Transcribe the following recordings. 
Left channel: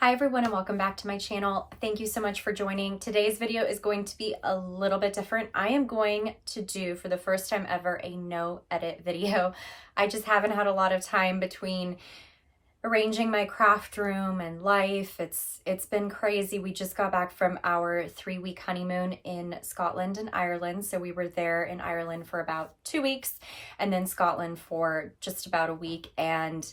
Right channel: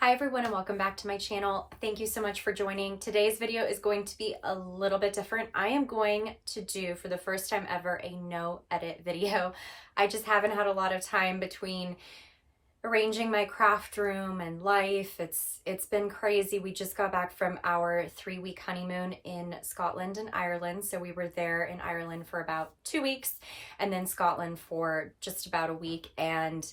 Hi everyone and welcome back to my channel. Thank you so much for joining. Today's video is going to be a little bit different. I am going to do, for the first time ever, a no edit video. I just haven't had a lot of time between arranging my craft room and life. It's been crazy. We just got back from our 3-week honeymoon in Scotland and Ireland. So we were there in Ireland for about 2 weeks and then Scotland for just about a week. And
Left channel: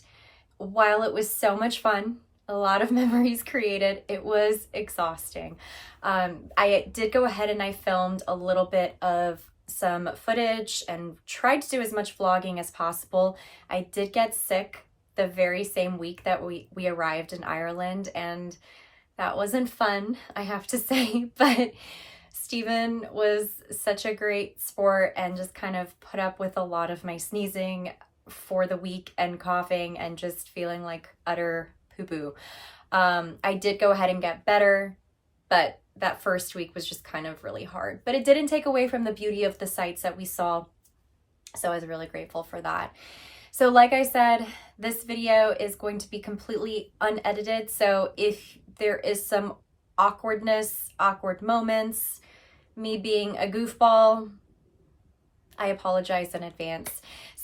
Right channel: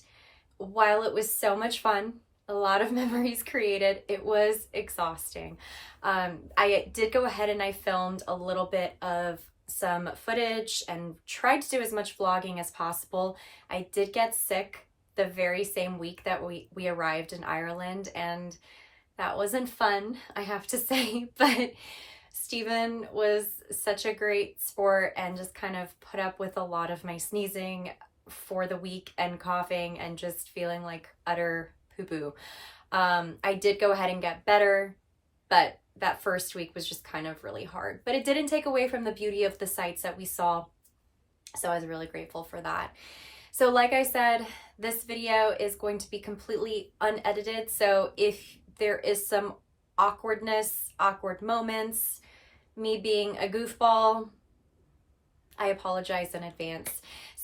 while it was so much fun, a lot of memories created, it was exhausting. I did go ahead and I filmed a little bit of some footage and tried to do as much vlogging as possible. I did get sick the very same week that we arrived in Ireland, and that wasn't fun, I have to say, but Steven was such a great sport and just kind of put up with a lot of my sneezing for the week and coughing and just feeling like utter poo-poo. I did go ahead and get better, but that first week was just kind of really hard. But it didn't take away from the beauty of the sights that we saw, so I was really grateful for that. So like I said, this video is going to be completely unedited, so if there is some awkwardness, awkward moments, me being a goofball, I apologize in advance.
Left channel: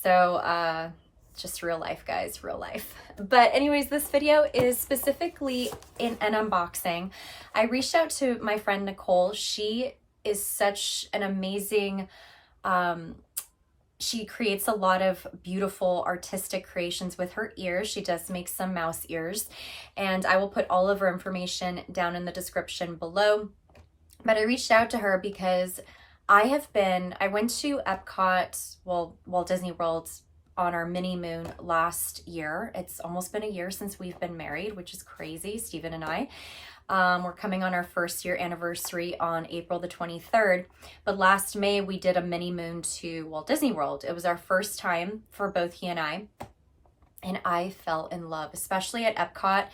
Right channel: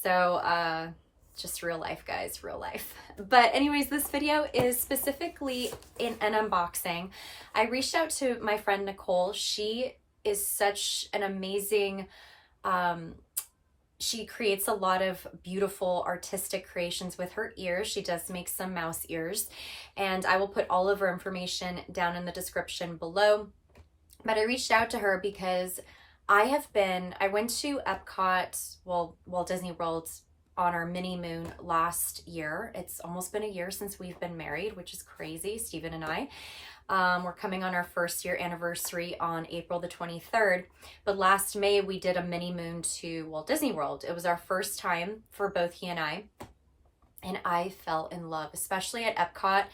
So just real life, guys, real life. But anyways, this video is specifically in an unboxing. I reached out to my friend Nicole. She is such an amazing, she creates a lot of beautiful artistic creations with her ears. She does make some mouse ears, and I will put all of her information down in the description below. But I reached out to her because I went to Epcot, well, Walt Disney World, on our mini moon last year. It's almost been a year since we've been married, which is crazy, Steven and I. We're coming on our first year anniversary on April the 23rd. But last May, we did a mini moon to Walt Disney World. It was our first time for both he and I fell in love, especially at Epcot,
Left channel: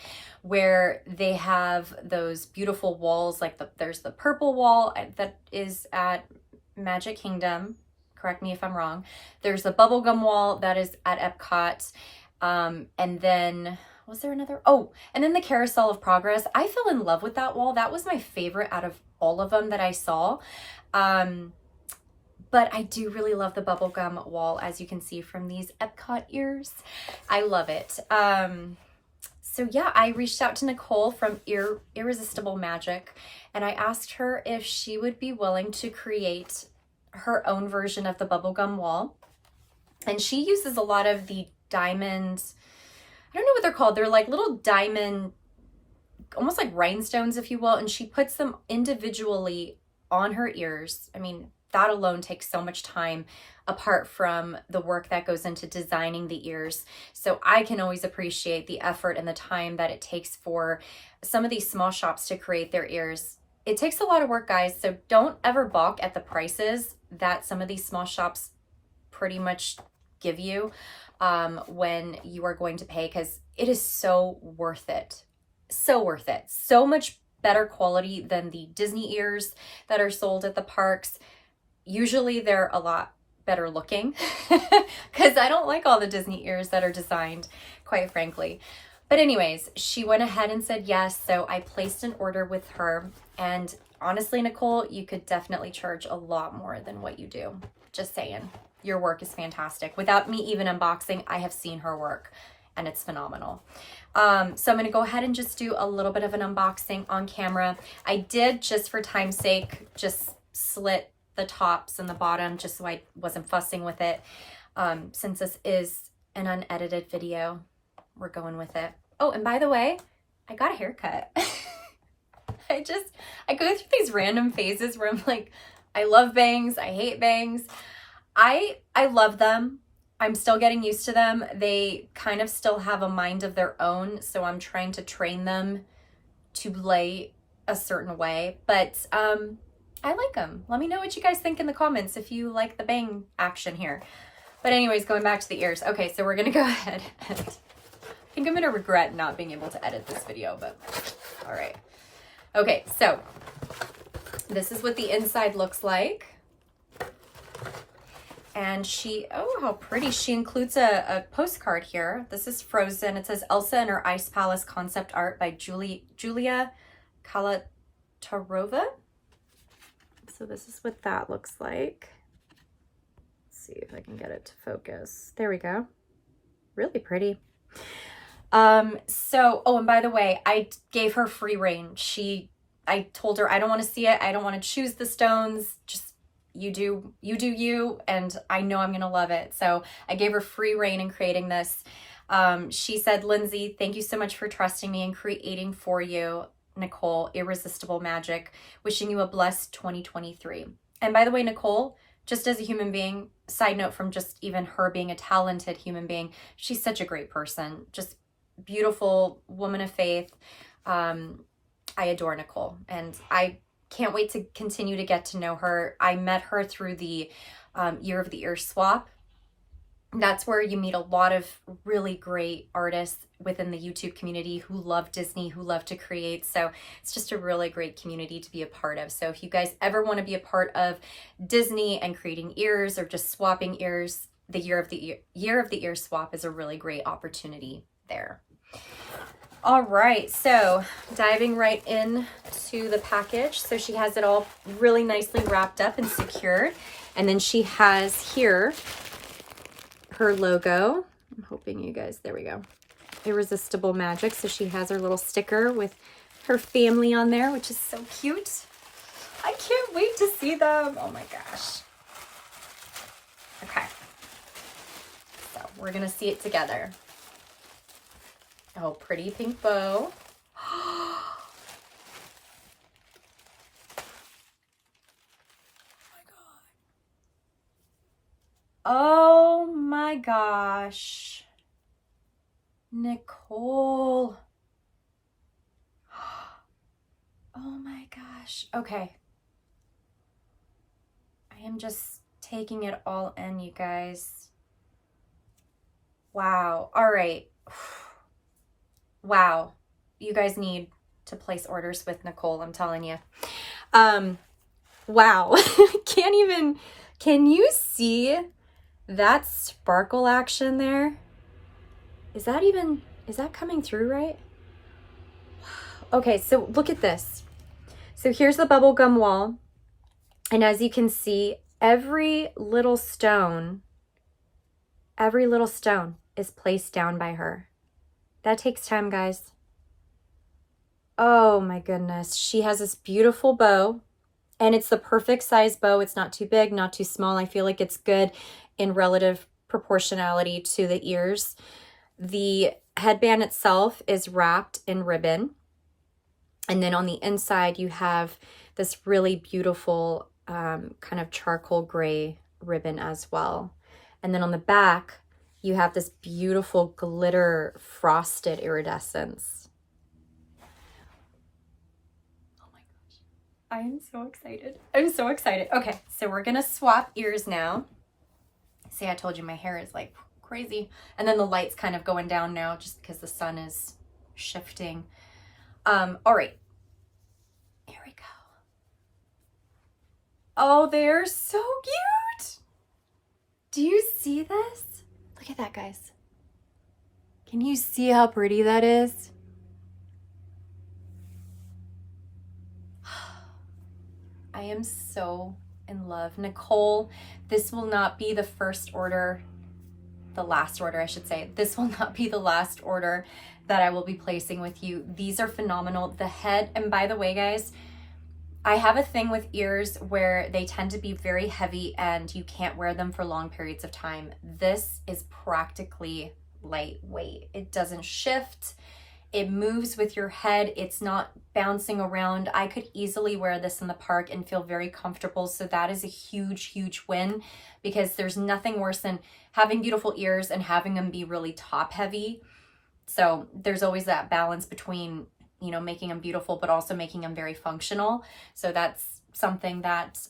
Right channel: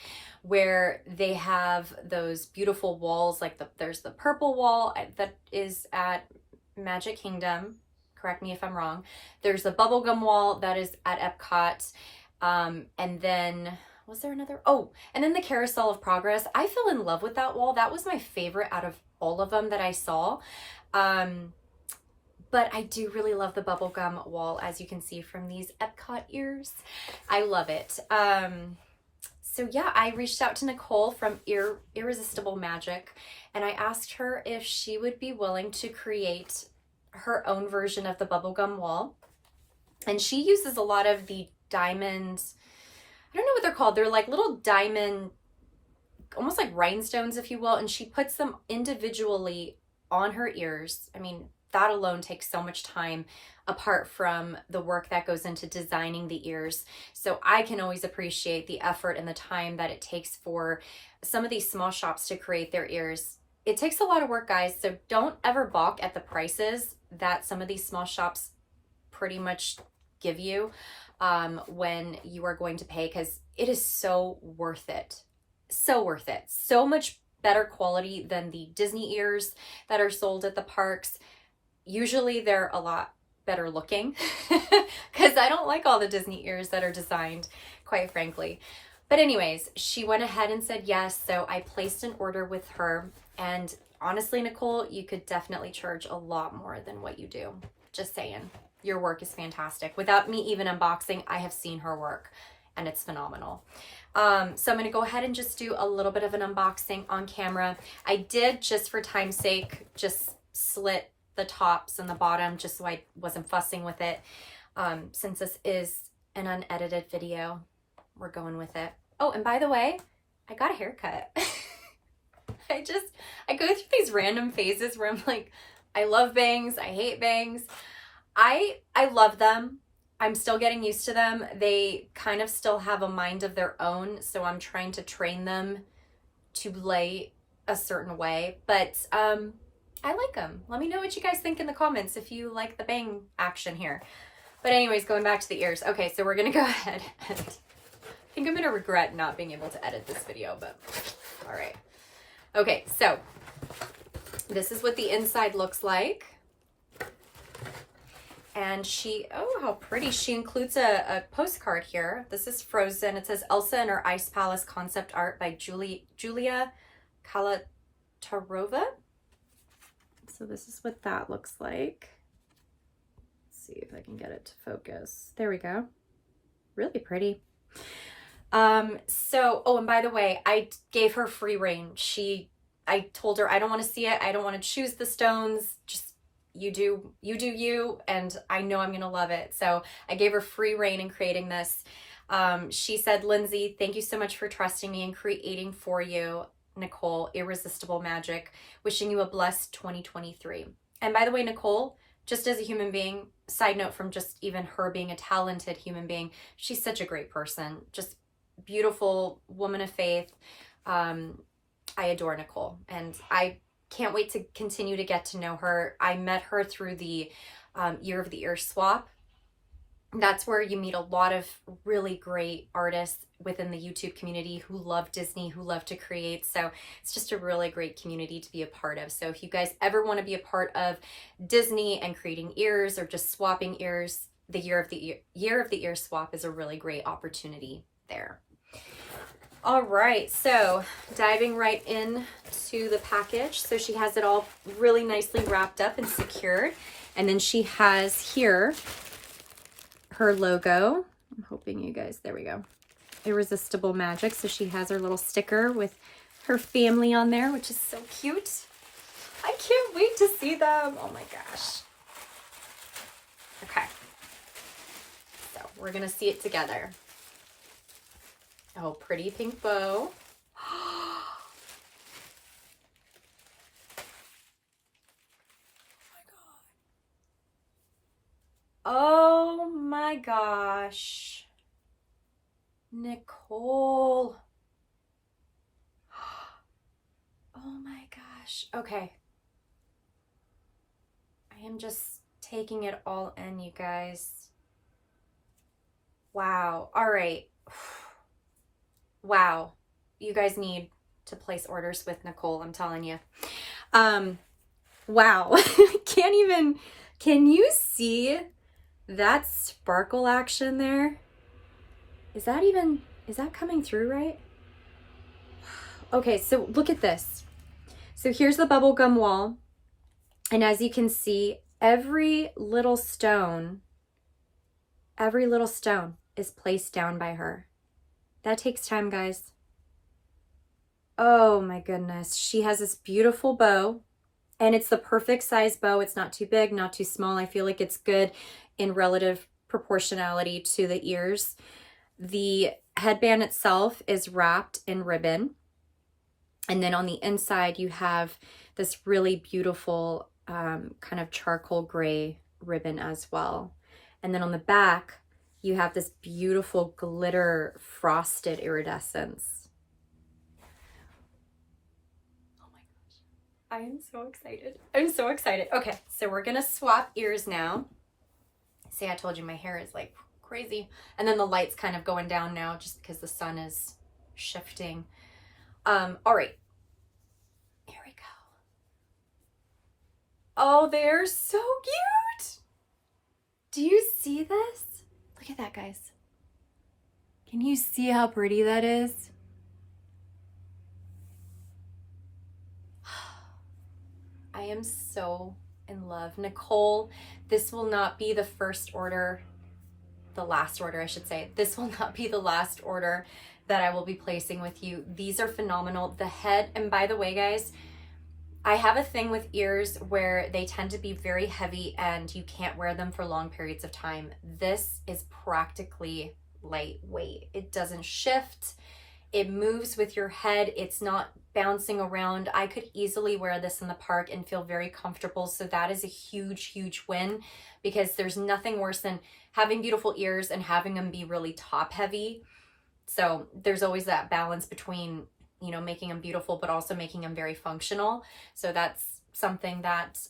where they have those beautiful walls, like there's the purple wall that is at Magic Kingdom. Correct me if I'm wrong. There's the Bubblegum wall that is at Epcot. And then, was there another? Oh, and then the Carousel of Progress. I fell in love with that wall. That was my favorite out of all of them that I saw. But I do really love the Bubblegum wall, as you can see from these Epcot ears. I love it. So yeah, I reached out to Nicole from EARresistable Magic, and I asked her if she would be willing to create her own version of the Bubblegum wall. And she uses a lot of the diamonds, I don't know what they're called, they're like little diamond, almost like rhinestones, if you will, and she puts them individually on her ears. I mean, that alone takes so much time apart from the work that goes into designing the ears. So I can always appreciate the effort and the time that it takes for some of these small shops to create their ears. It takes a lot of work, guys, so don't ever balk at the prices that some of these small shops pretty much give you when you are going to pay, because it is so worth it. So worth it. So much better quality than the Disney ears that are sold at the parks. Usually they're a lot better looking because I don't like all the Disney ears that are designed, quite frankly. But anyways, she went ahead and said yes, so I placed an order with her. And honestly, Nicole, you could definitely charge a lot more than what you do. Just saying. Your work is fantastic. Without me even unboxing, I have seen her work, and it's phenomenal. So I'm going to go ahead and just do a little bit of an unboxing on camera. I did, just for time's sake, just slit the tops and the bottom just so I wasn't fussing with it. Since this is an unedited video, we're going with it. Oh, and by the way, I got a haircut. I go through these random phases where I'm like, I love bangs, I hate bangs. I love them. I'm still getting used to them. They kind of still have a mind of their own, so I'm trying to train them to lay a certain way, but I like them. Let me know what you guys think in the comments if you like the bang action here. But anyways, going back to the ears. Okay, so we're gonna go ahead and I think I'm gonna regret not being able to edit this video, but all right. Okay, so this is what the inside looks like. And she, oh, how pretty. She includes a postcard here. This is frozen. It says Elsa and her Ice Palace concept art by Julia Kalatarova. So this is what that looks like. Let's see if I can get it to focus. There we go. Really pretty. So, oh, and by the way, I gave her free reign. I told her, I don't want to see it. I don't want to choose the stones. Just you do you, and I know I'm going to love it. So I gave her free reign in creating this. She said, Lindsay, thank you so much for trusting me and creating for you, Nicole, Irresistible Magic. Wishing you a blessed 2023. And by the way, Nicole, just as a human being, side note from just even her being a talented human being, she's such a great person. Just beautiful woman of faith. I adore Nicole, and I can't wait to continue to get to know her. I met her through the Year of the Ear swap. That's where you meet a lot of really great artists within the YouTube community who love Disney, who love to create. So it's just a really great community to be a part of. So if you guys ever want to be a part of Disney and creating ears or just swapping ears, the Year of the Ear swap is a really great opportunity there. All right, so diving right in to the package. So she has it all really nicely wrapped up and secured. And then she has here her logo. I'm hoping you guys, there we go. Irresistible Magic. So she has her little sticker with her family on there, which is so cute. I can't wait to see them. Oh my gosh. Okay. So we're going to see it together. Oh, pretty pink bow. Oh my gosh. Nicole. Oh my gosh. Okay. I am just taking it all in, you guys. Wow. All right. Wow. You guys need to place orders with Nicole, I'm telling you. Wow. Can you see that sparkle action there? Is that coming through right? Wow. Okay, so look at this. So here's the bubblegum wall. And as you can see, every little stone is placed down by her. That takes time, guys. Oh my goodness. She has this beautiful bow, and it's the perfect size bow. It's not too big, not too small. I feel like it's good in relative proportionality to the ears. The headband itself is wrapped in ribbon. And then on the inside, you have this really beautiful kind of charcoal gray ribbon as well. And then on the back, you have this beautiful glitter frosted iridescence. Oh my gosh. I am so excited. I'm so excited. Okay, so we're gonna swap ears now. See, I told you my hair is like crazy. And then the light's kind of going down now just because the sun is shifting. All right. Here we go. Oh, they're so cute. Do you see this? Look at that, guys. Can you see how pretty that is? I am so in love. Nicole, this will not be the first order, the last order, I should say. This will not be the last order that I will be placing with you. These are phenomenal. The head, and by the way, guys, I have a thing with ears where they tend to be very heavy and you can't wear them for long periods of time. This is practically lightweight. It doesn't shift. It moves with your head. It's not bouncing around. I could easily wear this in the park and feel very comfortable. So that is a huge, huge win, because there's nothing worse than having beautiful ears and having them be really top heavy. So there's always that balance between, you know, making them beautiful, but also making them very functional. So that's something that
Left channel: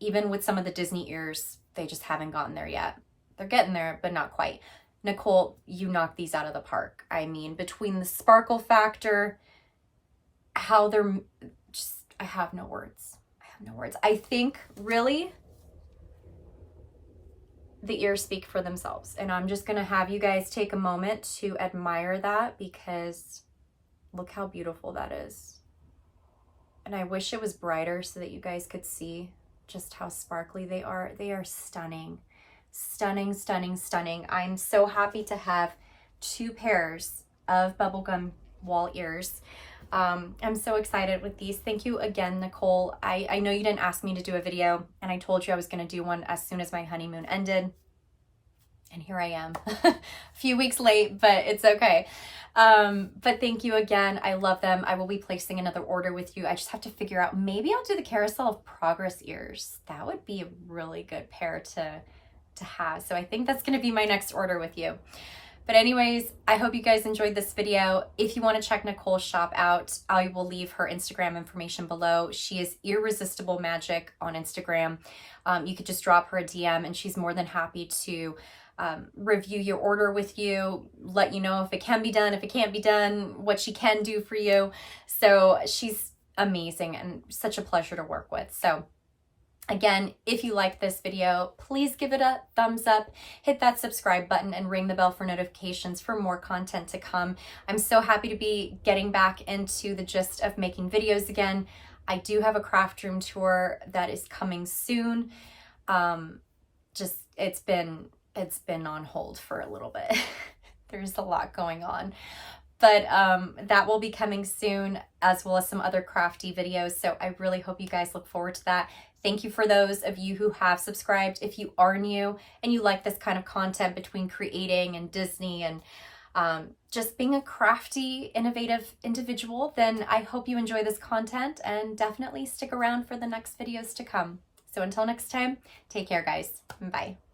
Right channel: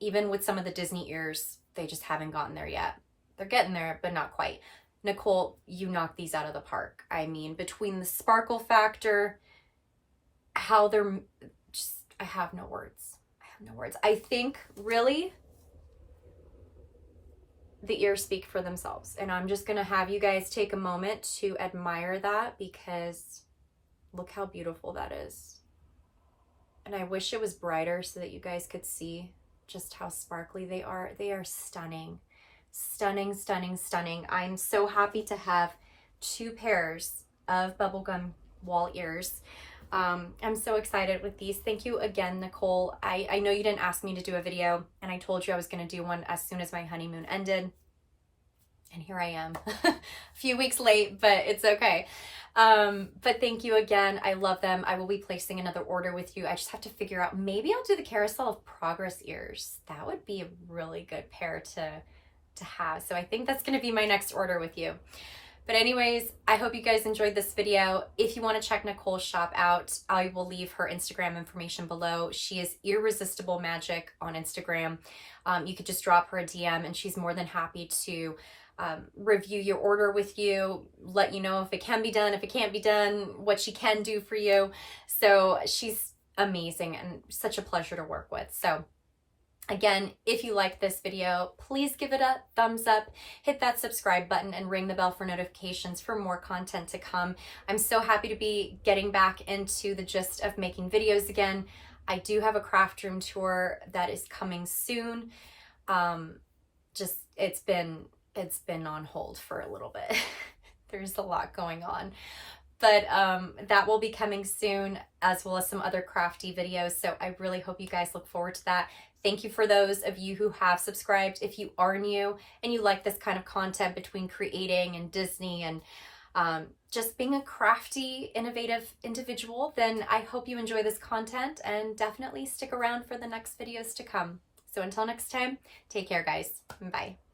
even with some of the Disney ears, they just haven't gotten there yet. They're getting there, but not quite. Nicole, you knocked these out of the park. I mean, between the sparkle factor, how they're just, I have no words. I have no words. I think really, the ears speak for themselves. And I'm just gonna have you guys take a moment to admire that, because look how beautiful that is. And I wish it was brighter so that you guys could see just how sparkly they are. They are stunning, stunning, stunning, stunning. I'm so happy to have 2 pairs of bubblegum wall ears. I'm so excited with these. Thank you again, Nicole. I know you didn't ask me to do a video, and I told you I was going to do one as soon as my honeymoon ended. And here I am, a few weeks late, but it's okay. But thank you again. I love them. I will be placing another order with you. I just have to figure out, maybe I'll do the Carousel of Progress ears. That would be a really good pair to have. So I think that's going to be my next order with you. But anyways, I hope you guys enjoyed this video. If you want to check Nicole's shop out, I will leave her Instagram information below. She is EARresistable Magic on Instagram. You could just drop her a DM, and she's more than happy to review your order with you, let you know if it can be done, if it can't be done, what she can do for you. So she's amazing and such a pleasure to work with. So again, if you like this video, please give it a thumbs up, hit that subscribe button, and ring the bell for notifications for more content to come. I'm so happy to be getting back into the gist of making videos again. I do have a craft room tour that is coming soon. It's been on hold for a little bit. There's a lot going on. But that will be coming soon, as well as some other crafty videos. So I really hope you guys look forward to that. Thank you for those of you who have subscribed. If you are new and you like this kind of content between creating and Disney and just being a crafty, innovative individual, then I hope you enjoy this content and definitely stick around for the next videos to come. So until next time, take care, guys. Bye.